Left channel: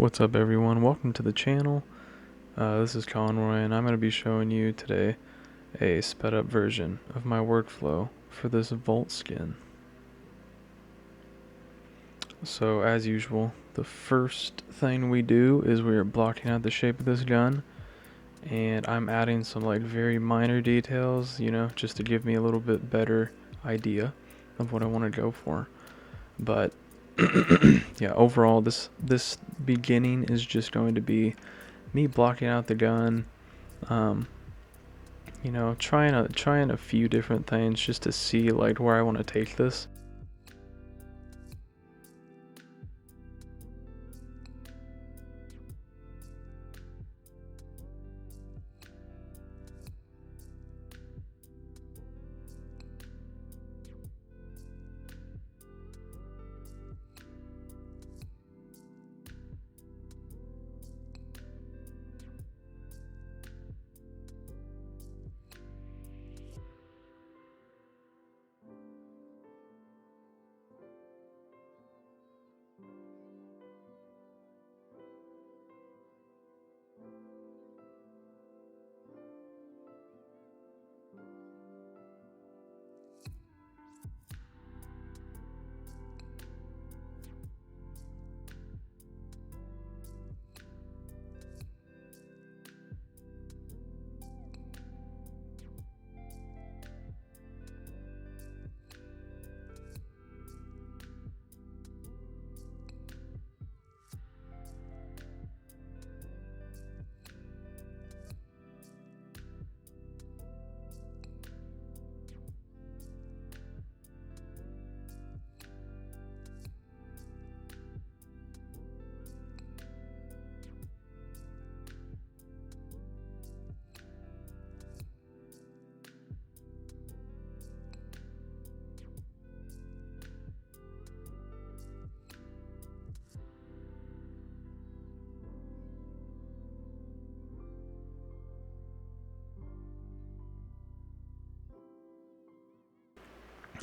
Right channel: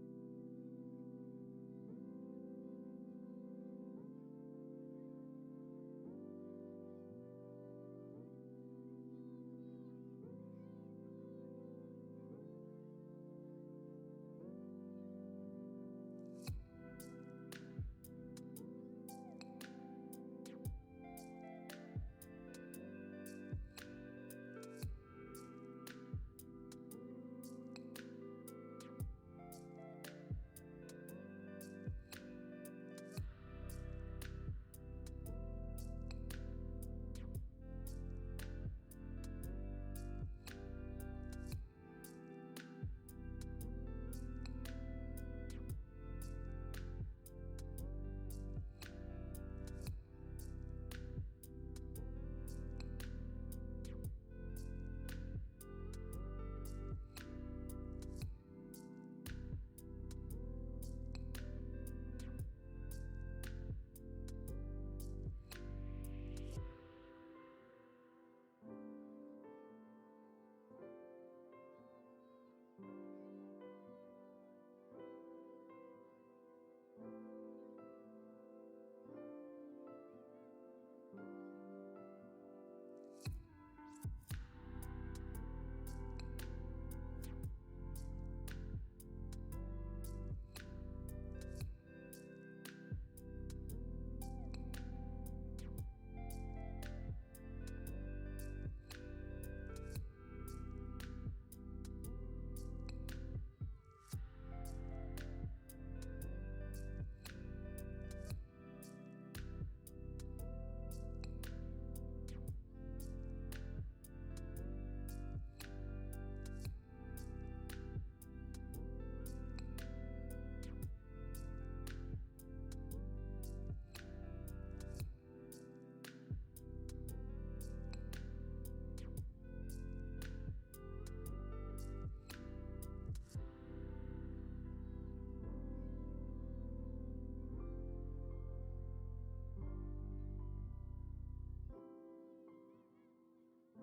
What's up everyone, welcome to the channel. This is Conroy and I'm going to be showing you today a sped up version of my workflow for this Vault skin. So as usual, the first thing we do is we are blocking out the shape of this gun, and I'm adding some like very minor details, just to give me a little bit better idea of what I want to go for. But yeah, overall this beginning is just going to be me blocking out the gun, trying a few different things just to see like where I want to take this.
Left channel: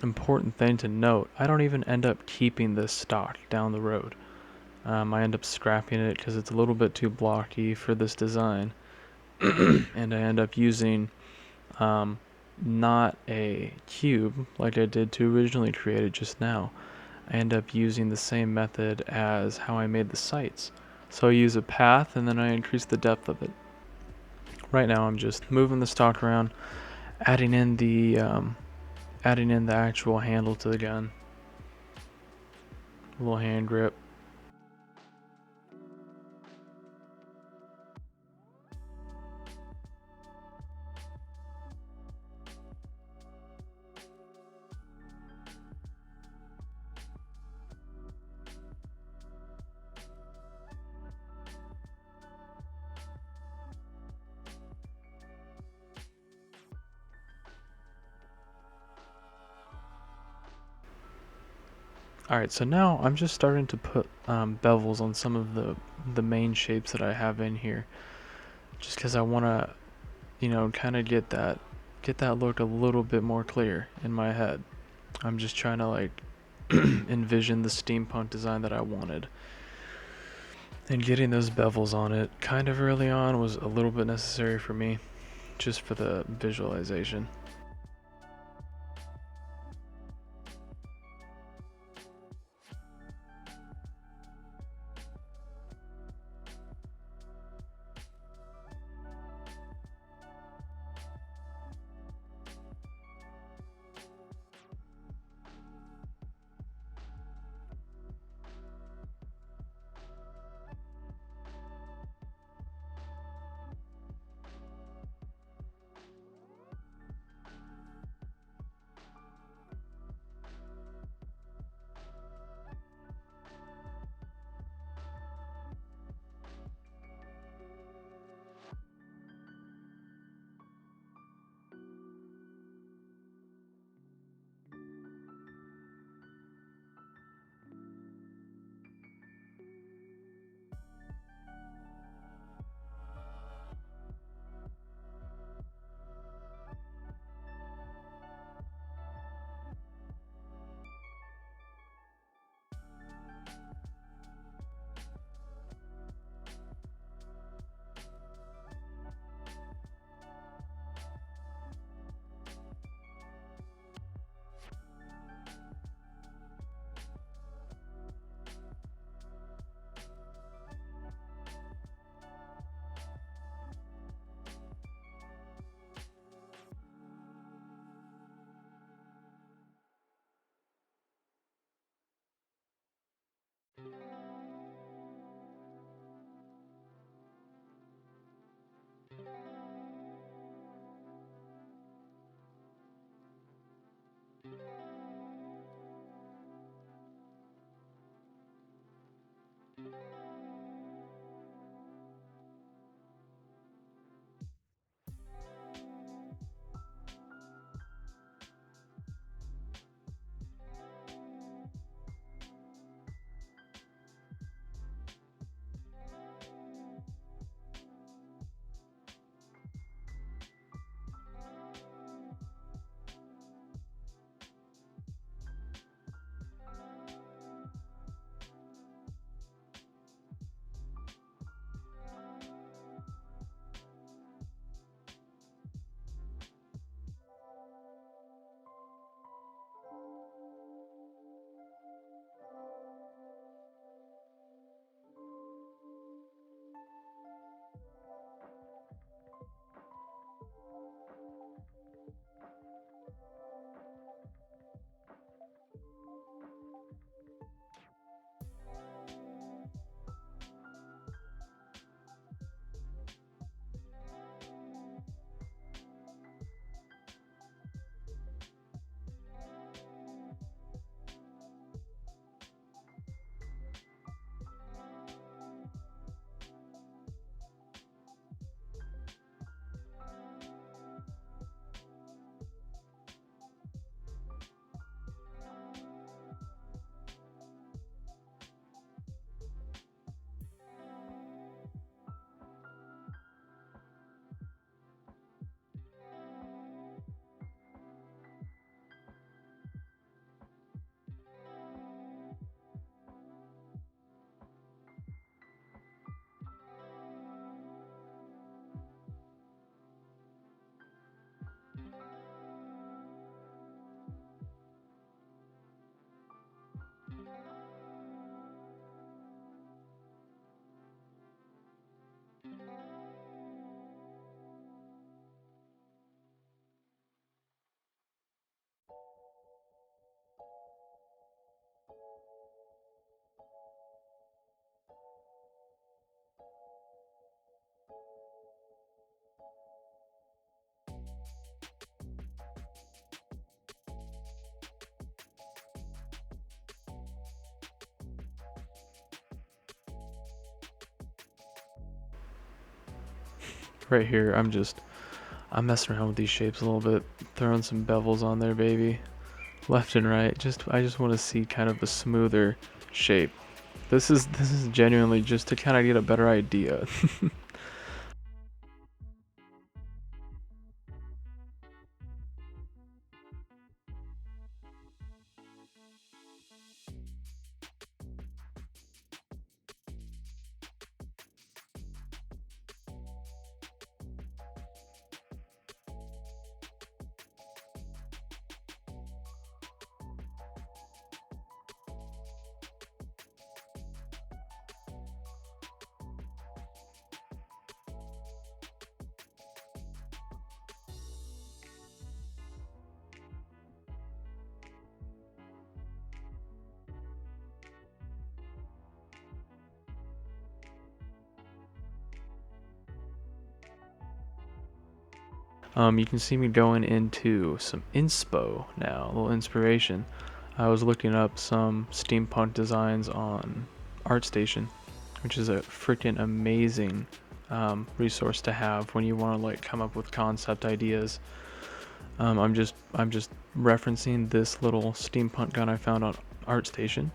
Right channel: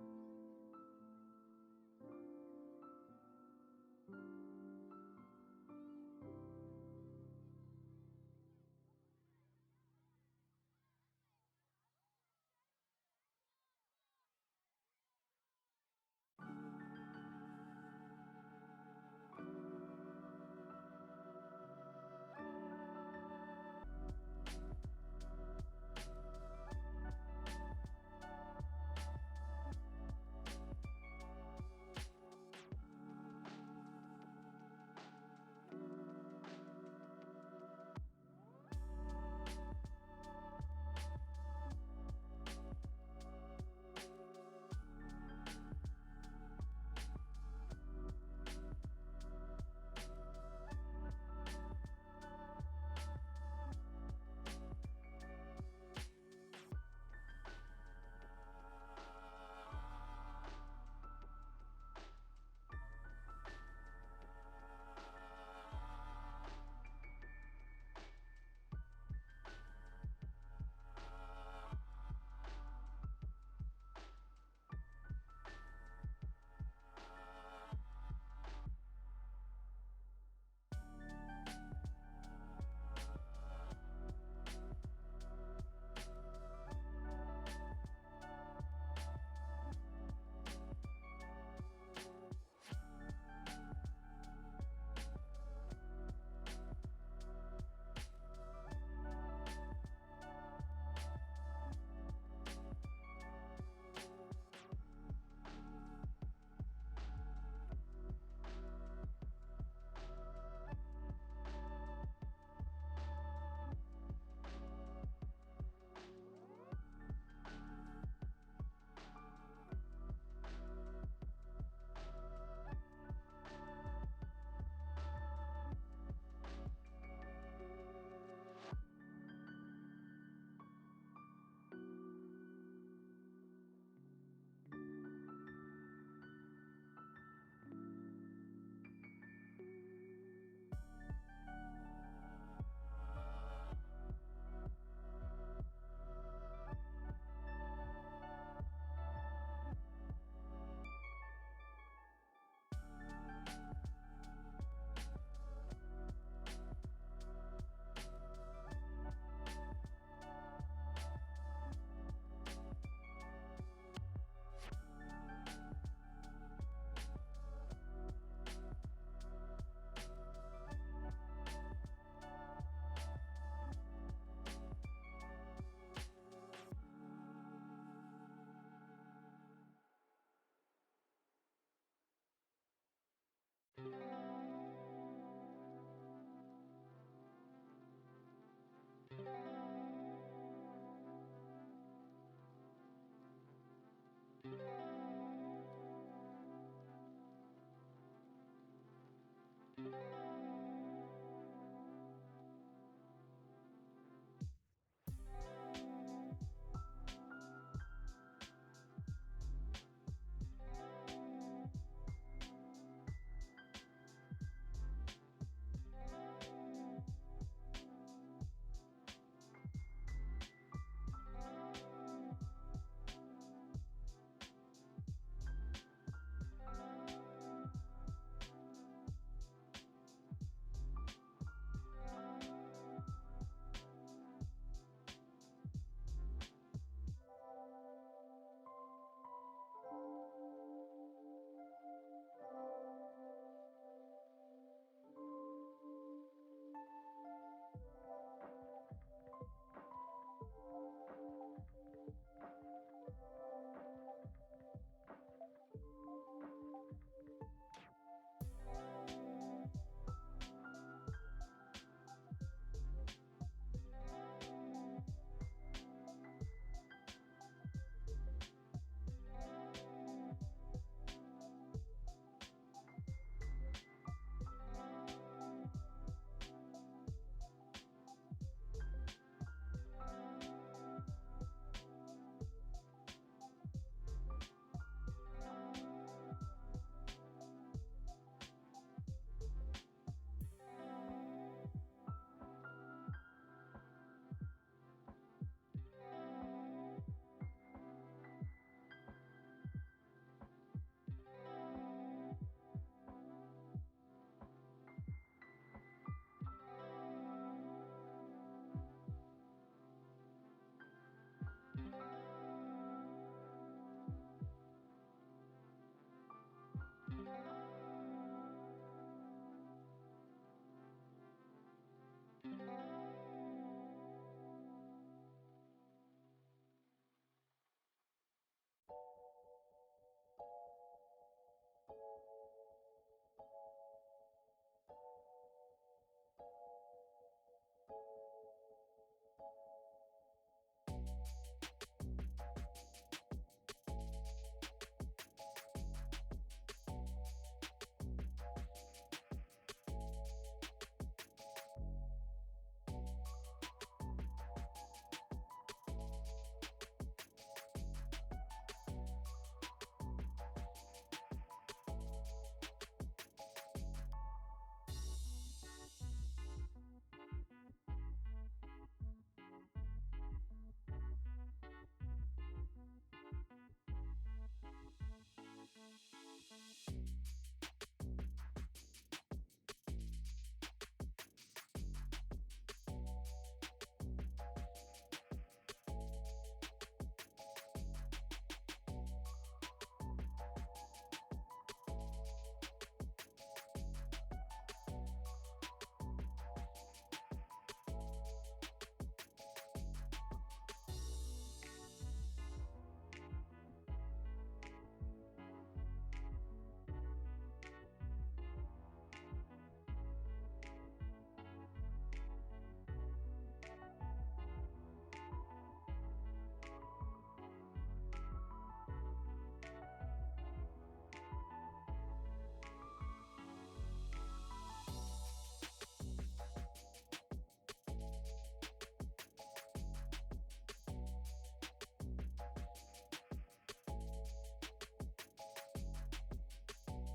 Important thing to note, I don't even end up keeping this stock down the road. I end up scrapping it because it's a little bit too blocky for this design. And I end up using not a cube like I did to originally create it just now. I end up using the same method as how I made the sights. So I use a path and then I increase the depth of it. Right now I'm just moving the stock around, adding in the actual handle to the gun, a little hand grip. Alright, so now I'm just starting to put bevels on some of the main shapes that I have in here, just because I want to, kind of get that look a little bit more clear in my head. I'm just trying to like envision the steampunk design that I wanted. And getting those bevels on it kind of early on was a little bit necessary for me, just for the visualization. right here, I'm messing around with these shapes a little bit, throwing some bevels on there, baby, left and right. I just want to see kind of a smoother shape. This is genuinely just to kind of get a better idea. You can see me going into some inspo now, a little inspiration. I was looking up some steampunk designs on ArtStation, which is a freaking amazing resource to have when you want to like come up with concept ideas. I'm just referencing this little steampunk gun I found on ArtStation.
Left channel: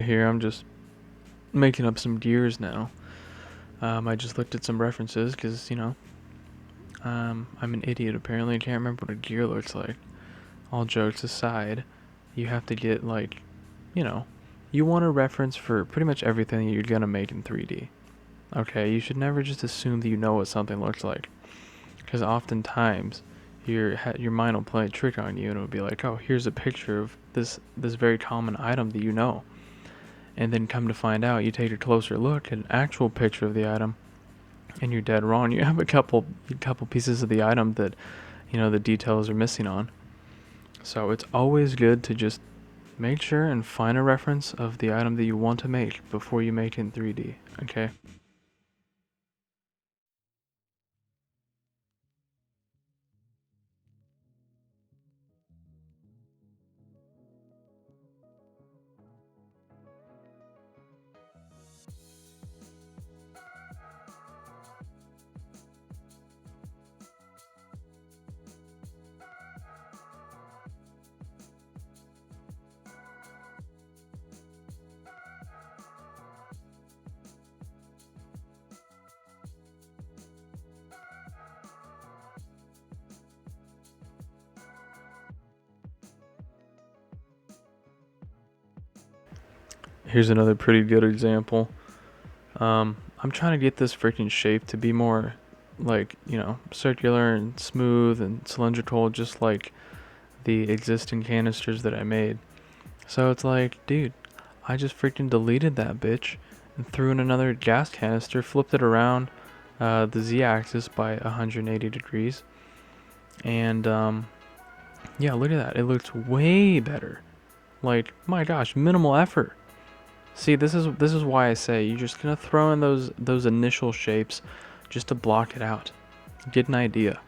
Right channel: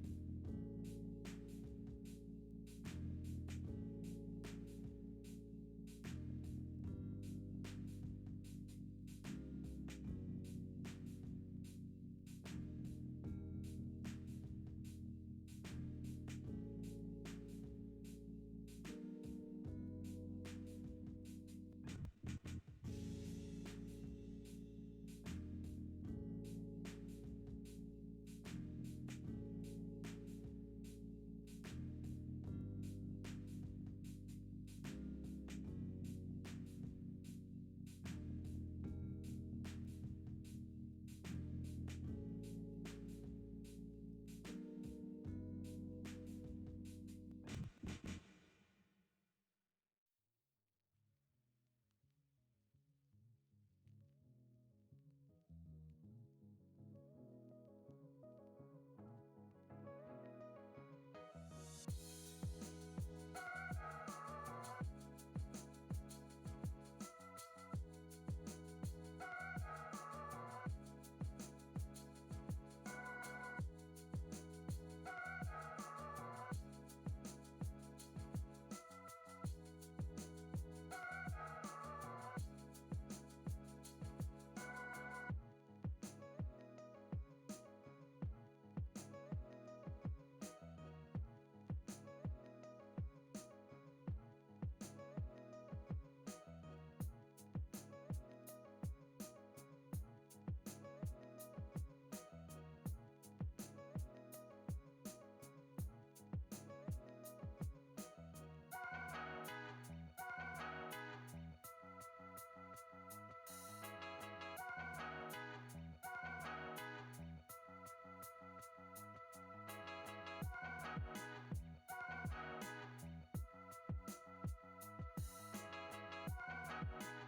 Here I'm just making up some gears now. I just looked at some references because, you know, I'm an idiot apparently. I can't remember what a gear looks like. All jokes aside, you have to get, like, you know, you want a reference for pretty much everything you're gonna make in 3D. Okay, you should never just assume that you know what something looks like, because oftentimes your mind will play a trick on you and it'll be like, oh, here's a picture of this very common item that you know, and then come to find out, you take a closer look at an actual picture of the item, and you're dead wrong. You have a couple pieces of the item that, you know, the details are missing on. So it's always good to just make sure and find a reference of the item that you want to make before you make it in 3D, okay? Here's another pretty good example. I'm trying to get this freaking shape to be more like, you know, circular and smooth and cylindrical, just like the existing canisters that I made. So it's like, dude, I just freaking deleted that bitch and threw in another gas canister, flipped it around the z-axis by 180 degrees, and yeah, look at that. It looks way better. Like, my gosh, minimal effort. See, this is why I say you're just gonna throw in those initial shapes just to block it out, get an idea,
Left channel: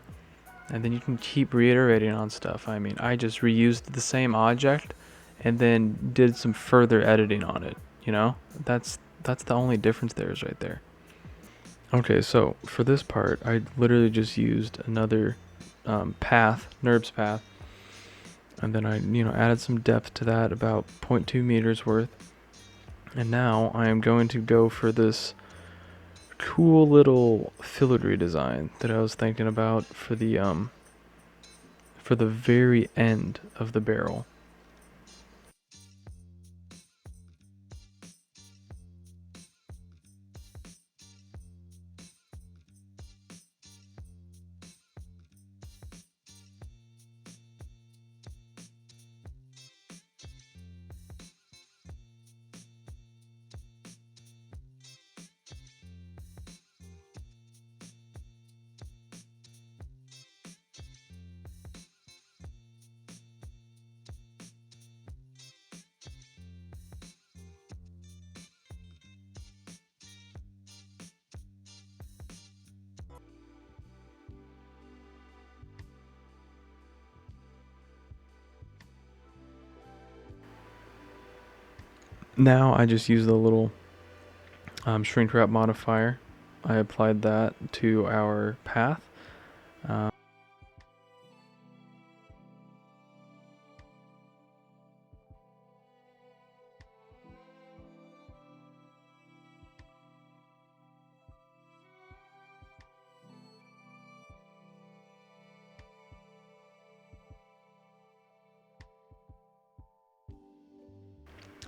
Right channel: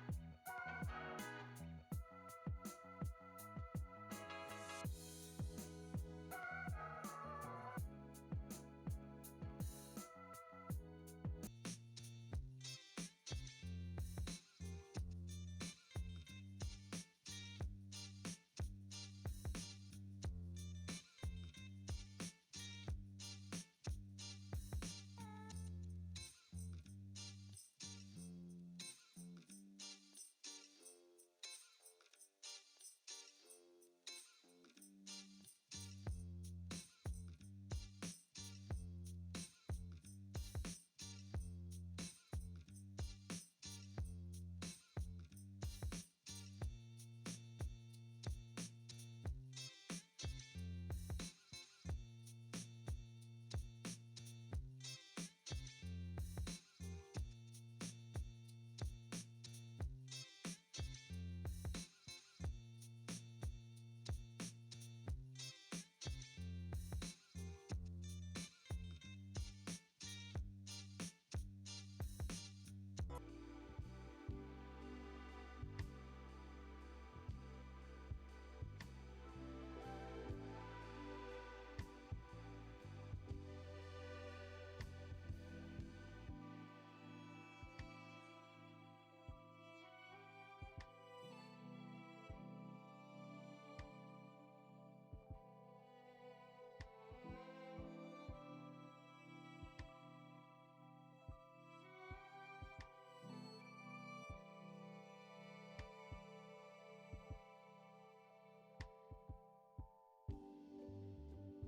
and then you can keep reiterating on stuff. I mean, I just reused the same object and then did some further editing on it. You know, that's the only difference there is right there. Okay, so for this part, I literally just used another path, NURBS path, and then I, you know, added some depth to that, about 0.2 meters worth. And now I am going to go for this cool little filigree design that I was thinking about for the very end of the barrel. Now I just use the little shrink wrap modifier. I applied that to our path.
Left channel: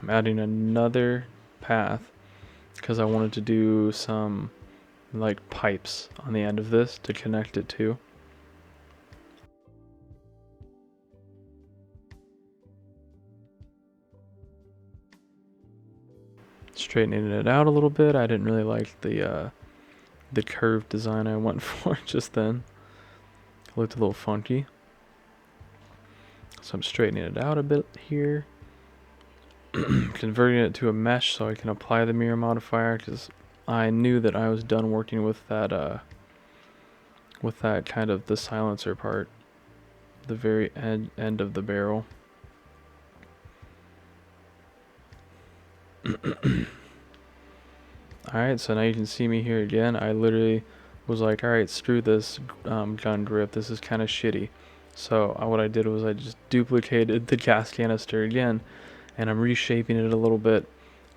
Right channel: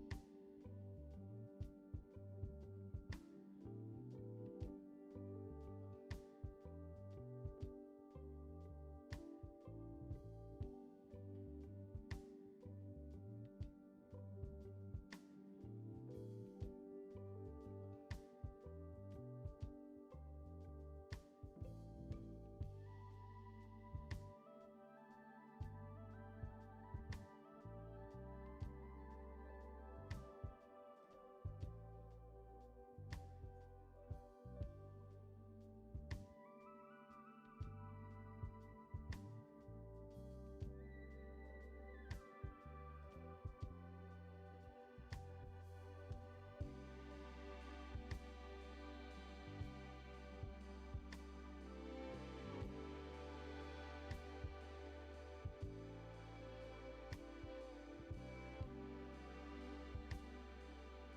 I'm adding another path because I wanted to do some like pipes on the end of this to connect it to. Straightening it out a little bit. I didn't really like the curved design I went for just then. It looked a little funky. So I'm straightening it out a bit here. Converting it to a mesh so I can apply the mirror modifier, because I knew that I was done working with that kind of the silencer part, the very end of the barrel. Alright, so now you can see me here again. I literally was like, alright, screw this gun grip, this is kind of shitty. So what I did was I just duplicated the gas canister again, and I'm reshaping it a little bit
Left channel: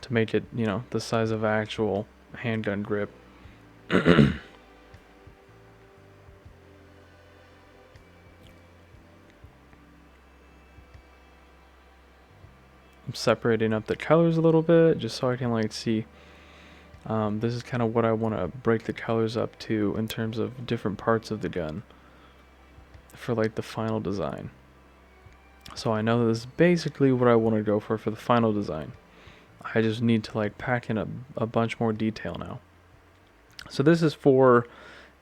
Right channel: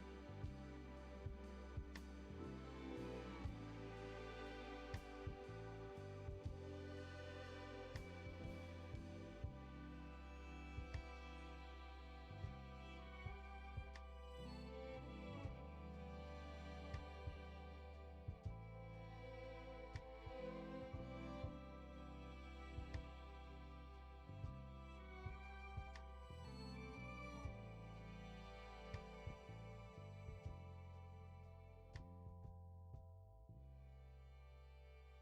to make it, you know, the size of actual handgun grip. I'm separating up the colors a little bit just so I can like see. This is kind of what I want to break the colors up to in terms of different parts of the gun for like the final design. So I know this is basically what I want to go for the final design. I just need to like pack in a bunch more detail now. So this is for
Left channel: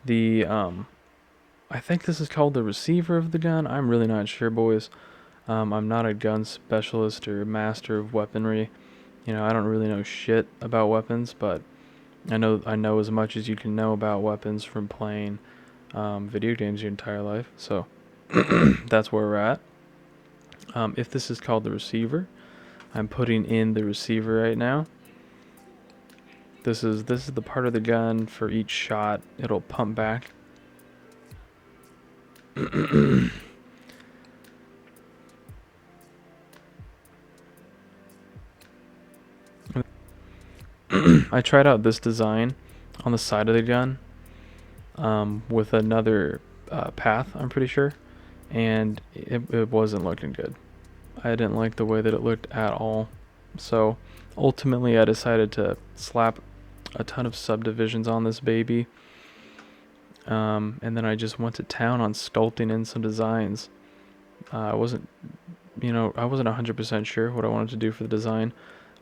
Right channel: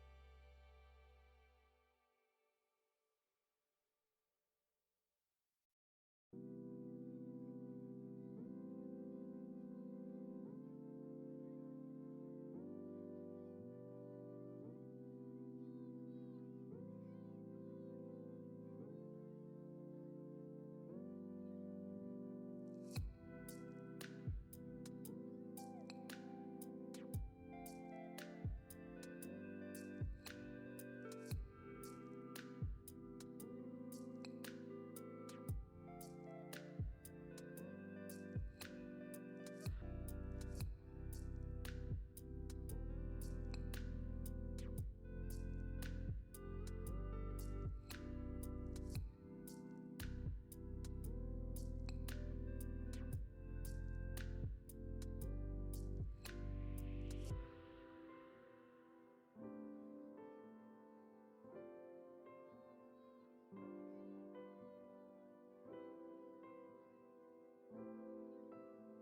the, I think this is called the receiver of the gun. I'm really not sure, boys. I'm not a gun specialist or master of weaponry. You know, I don't really know shit about weapons, but I know as much as you can know about weapons from playing video games your entire life. So that's where we're at. If this is called the receiver, I'm putting in the receiver right now. This is the part of the gun for each shot it'll pump back. I tried out this design on the side of the gun with another path, I'm pretty sure, and it wasn't looking good. I didn't like the way that it looked at all. So ultimately I decided to slap a ton of subdivisions on this baby. And then I just went to town on sculpting in some designs. I wasn't 100% sure what I wanted to do for the design,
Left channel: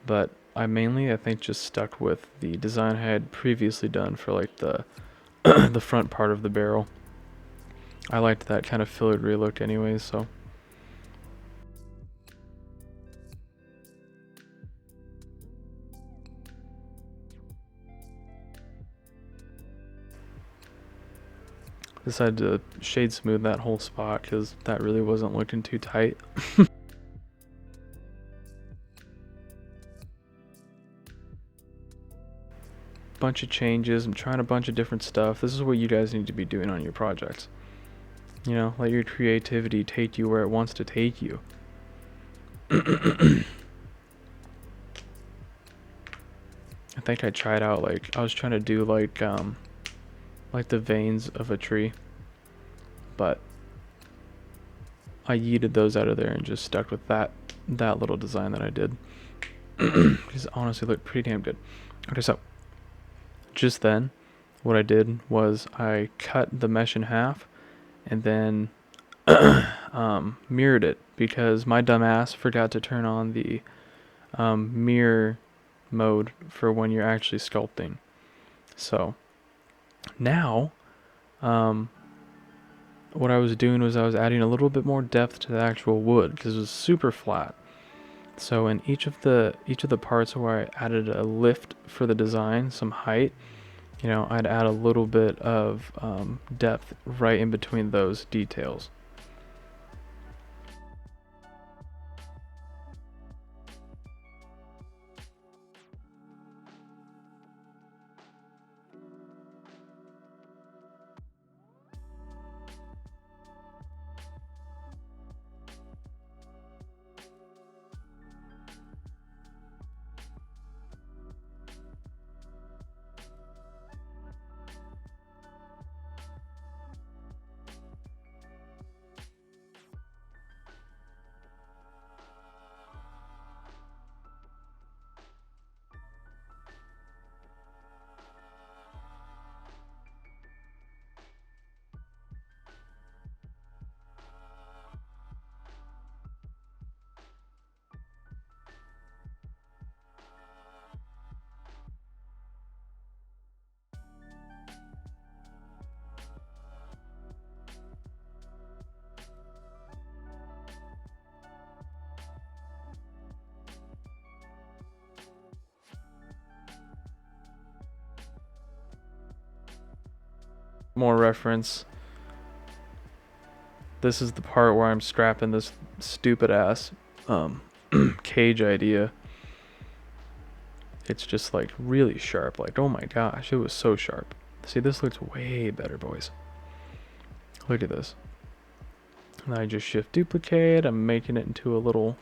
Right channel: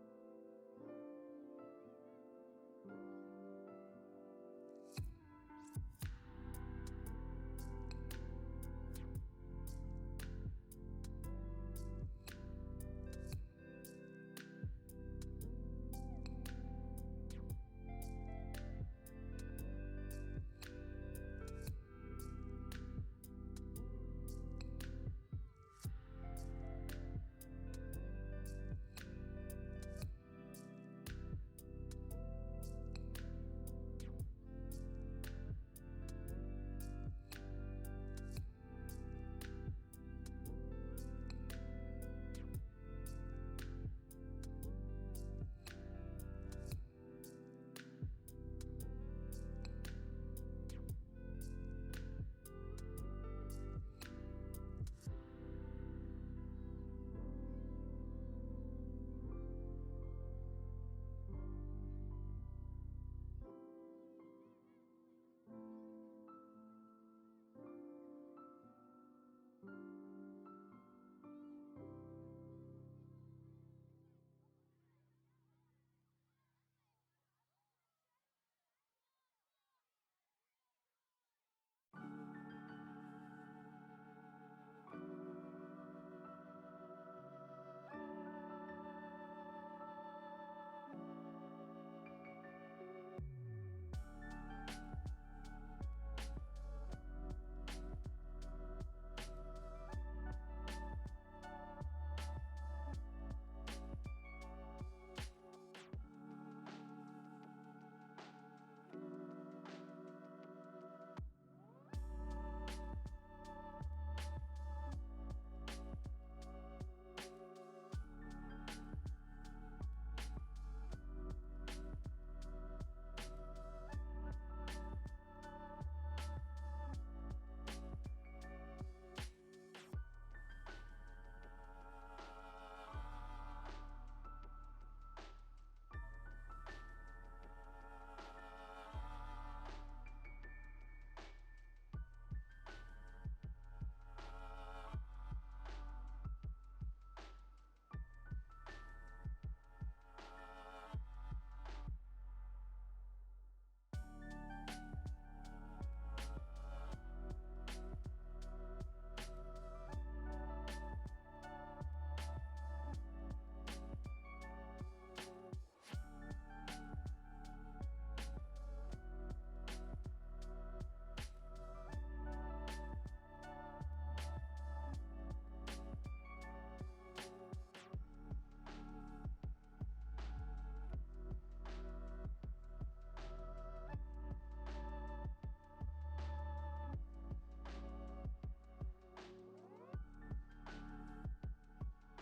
but I think just stuck with the design I had previously done for like the the front part of the barrel. I liked that kind of filigree look anyways, so. Decided to shade smooth that whole spot because that really wasn't looking too tight. Bunch of changes. I'm trying a bunch of different stuff. This is what you guys need to be doing on your projects. You know, let your creativity take you where it wants to take you. I think I tried out I was trying to do like the veins of a tree, but I yeeted those out of there and just stuck with that little design that I did. Because it honestly looked pretty damn good. Okay, so just then what I did was I cut the mesh in half and then mirrored it because my dumb ass forgot to turn on the mirror mode for when you're actually sculpting. So now what I was doing was I was adding a little bit more depth to the actual wood because it was super flat. So in each of the parts where I added a lift for the design, some height, you know, I'd add a little bit of depth right in between those details. More reference. This is the part where I'm strapping this stupid ass cage idea. It's just like really sharp. Like, oh my gosh, it was so sharp. See, this looks way better, boys. Look at this. And I just shift duplicate. I'm making it into a little,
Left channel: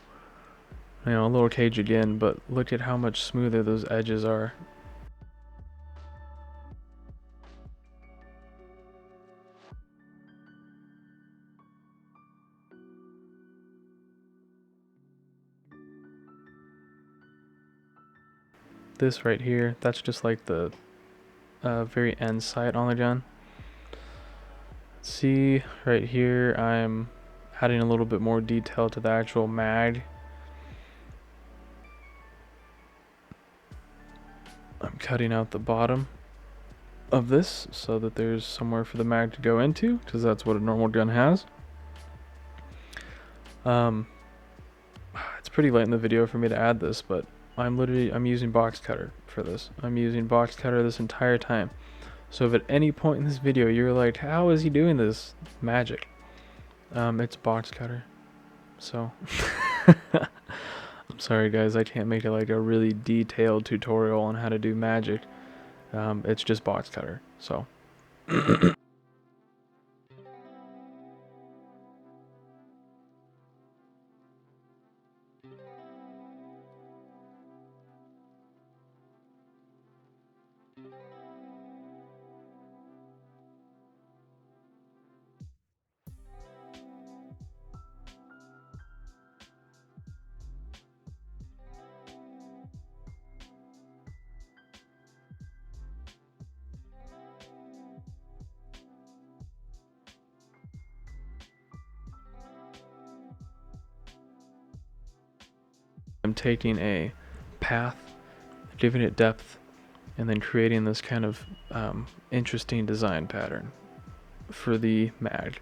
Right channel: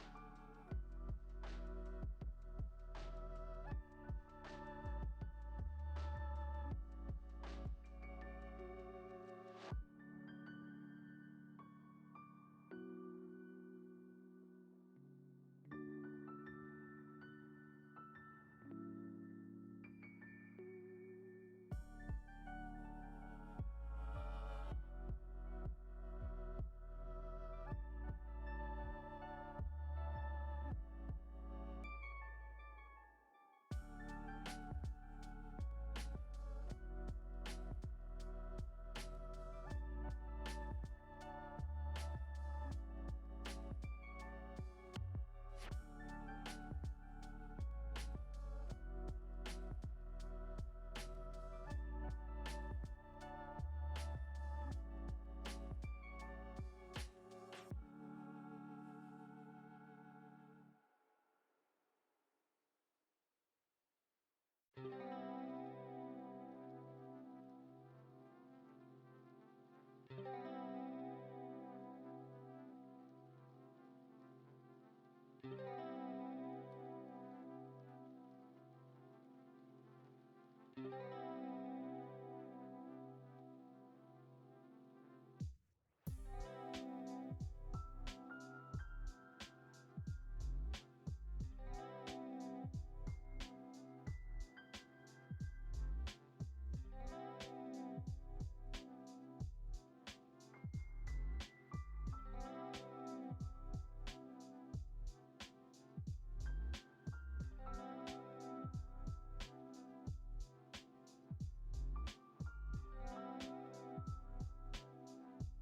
a little cage again, but look at how much smoother those edges are. This right here, that's just like the very end sight on the gun. See right here, I'm adding a little bit more detail to the actual mag. I'm cutting out the bottom of this so that there's somewhere for the mag to go into, because that's what a normal gun has. It's pretty late in the video for me to add this, but I'm using box cutter for this. I'm using box cutter this entire time. So if at any point in this video you're like, how is he doing this? Magic. It's box cutter. So I'm sorry guys, I can't make it like a really detailed tutorial on how to do magic. It's just box cutter. So I'm taking a path, giving it depth, and then creating this kind of interesting design pattern for the mag.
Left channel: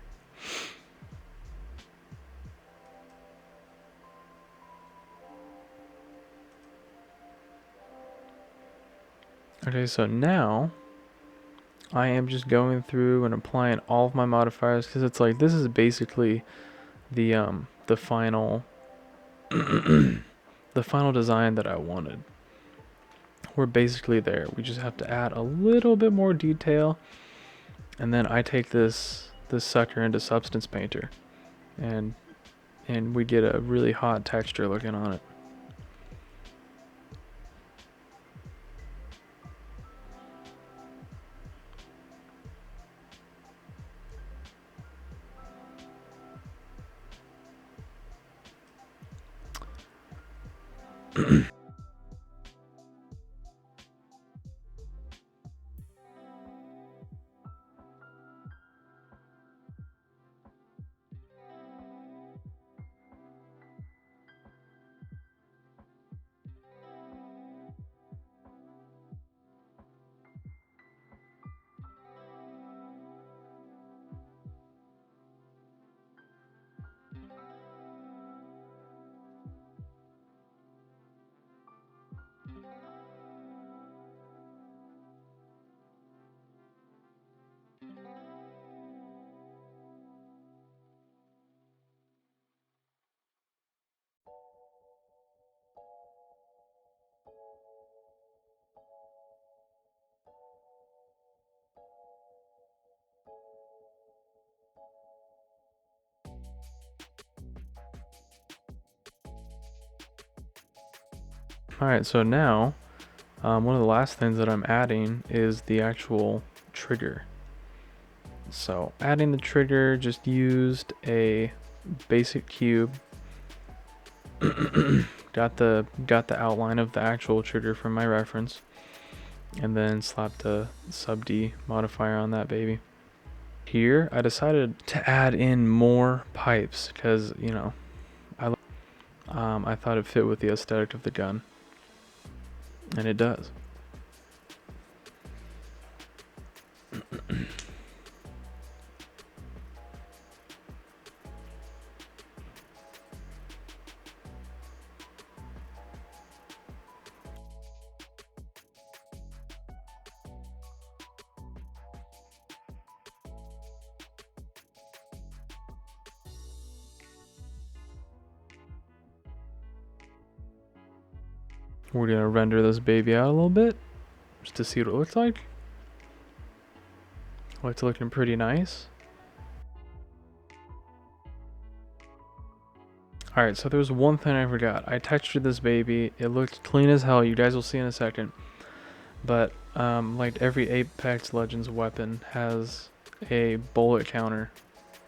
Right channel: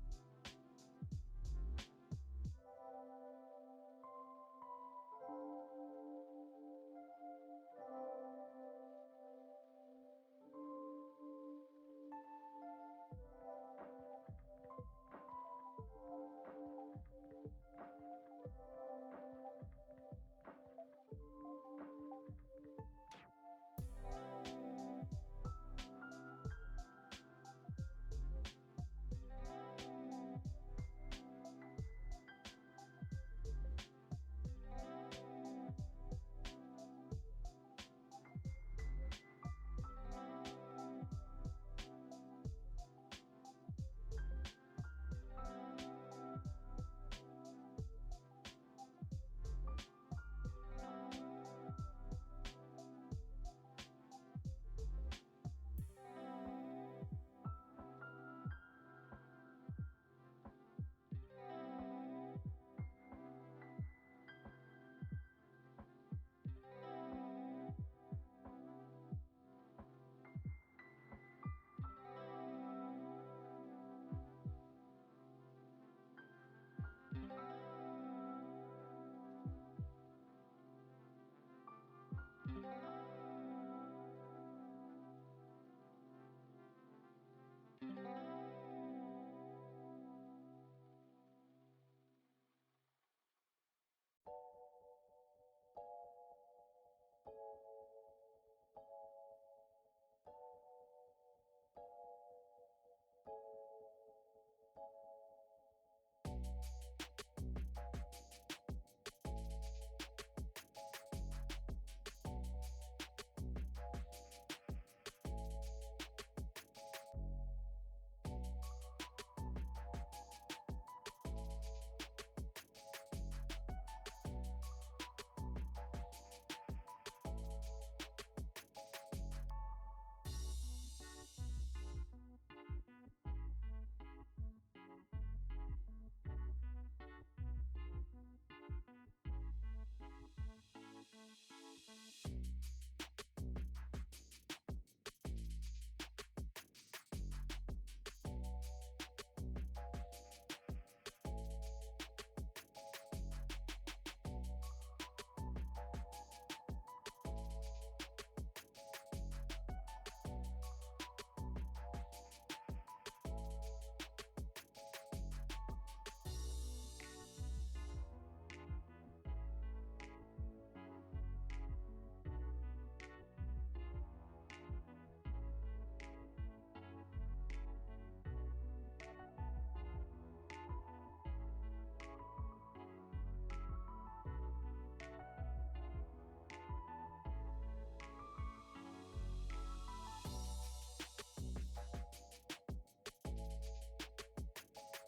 Okay, so now I am just going through and applying all of my modifiers, because it's like this is basically the final the final design that I wanted. We're basically there. We just have to add a little bit more detail, and then I take this sucker into Substance Painter, and we get a really hot texture looking on it. Alright, so now one of the last things that I'm adding is the actual trigger. So adding the trigger, just used a basic cube. got the outline of the actual trigger from my reference, and then slapped a sub D modifier on that baby. Here I decided to add in more pipes because I thought it fit with the aesthetic of the gun, and it does. We're gonna render this baby out a little bit just to see what it looks like. Oh, it's looking pretty nice. Alright, so there's one thing I forgot. I textured this baby. It looked clean as hell. You guys will see in a second. But like every Apex Legends weapon has a bullet counter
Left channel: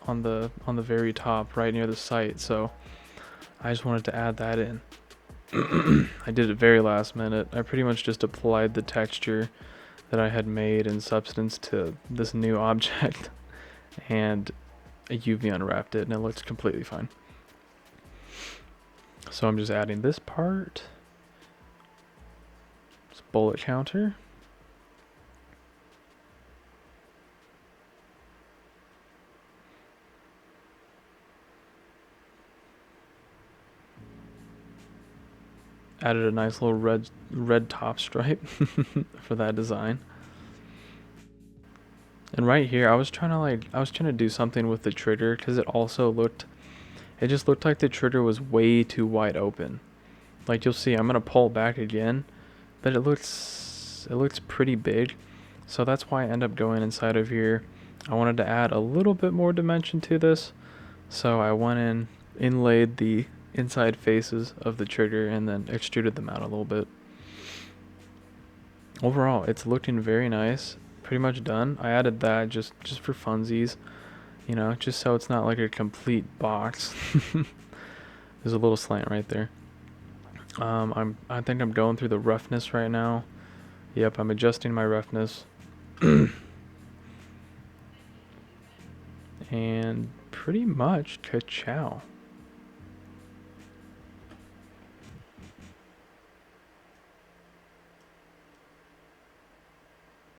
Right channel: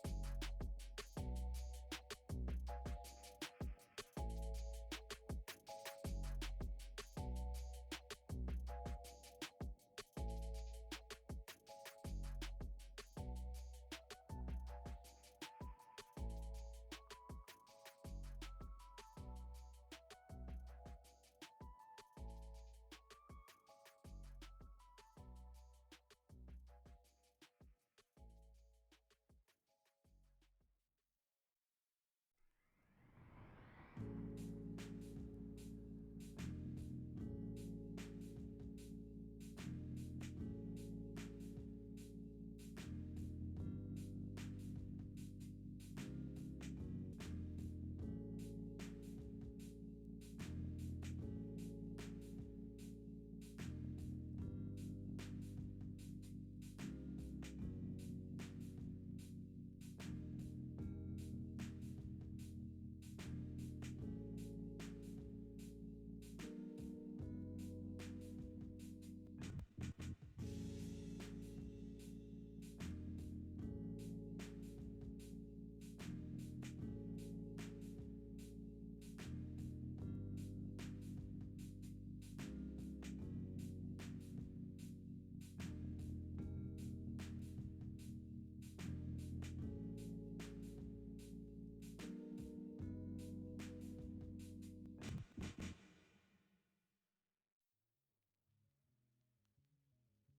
on the very top, right near the sight. So I just wanted to add that in. I did it very last minute. I pretty much just applied the texture that I had made in Substance to this new object and I UV unwrapped it and it looks completely fine. So I'm just adding this part. It's bullet counter. Added a nice little red top stripe for that design. And right here, I was trying to do something with the trigger because it just looked like the trigger was way too wide open. Like you'll see, I'm gonna pull back again, but it looks pretty big. So that's why I end up going inside of here. I wanted to add a little bit more dimension to this, so I went in, inlaid the inside faces of the trigger and then extruded them out a little bit. Overall, it's looking very nice. Pretty much done. I added that just for funsies, you know, just so it's not like a complete box. There's a little slant right there. I think I'm going through the roughness right now. Yep, I'm adjusting my roughness. And pretty much ka-chow.